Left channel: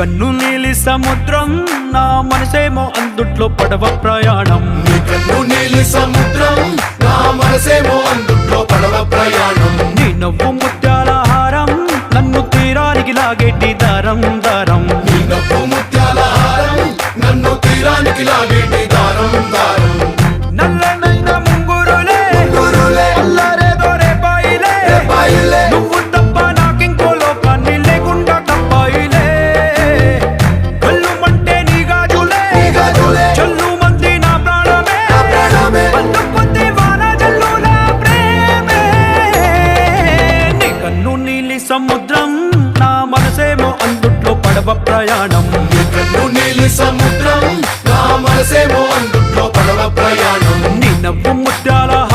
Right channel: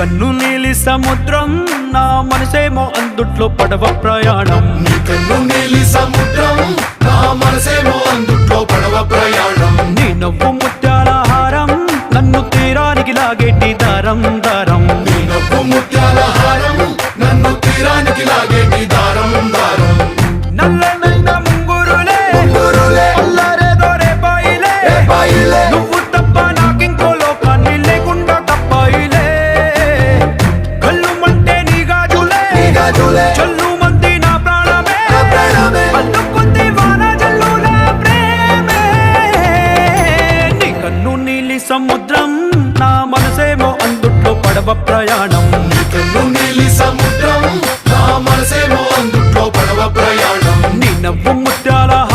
కన్ను నీలి సముద్రం నా మనసేమో అందుట్లో పడవ ప్రయాణం. కన్ను నీలి సముద్రం నా మనసేమో అందుట్లో పడవ ప్రయాణం. నీ నవ్వు ముత్యాల హారం నన్ను తీరానికి లాగేటి దారం దారం. నీ నవ్వు ముత్యాల హారం నన్ను తీరానికి లాగేటి దారం దారం. నల్లనైన ముంగురులే అల్లారేదో రేపాయిలే, నువ్వు తప్ప నాకింకో లోకాన్ని లేకుండా తప్పాయిలే. కళ్ళు మంటే నీ గాజులే చల్లు మంది నా ప్రాణమే, అల్లుకుంది వాన జల్లుల ప్రేమే. నీ కన్ను నీలి సముద్రం నా మనసేమో అందుట్లో పడవ ప్రయాణం.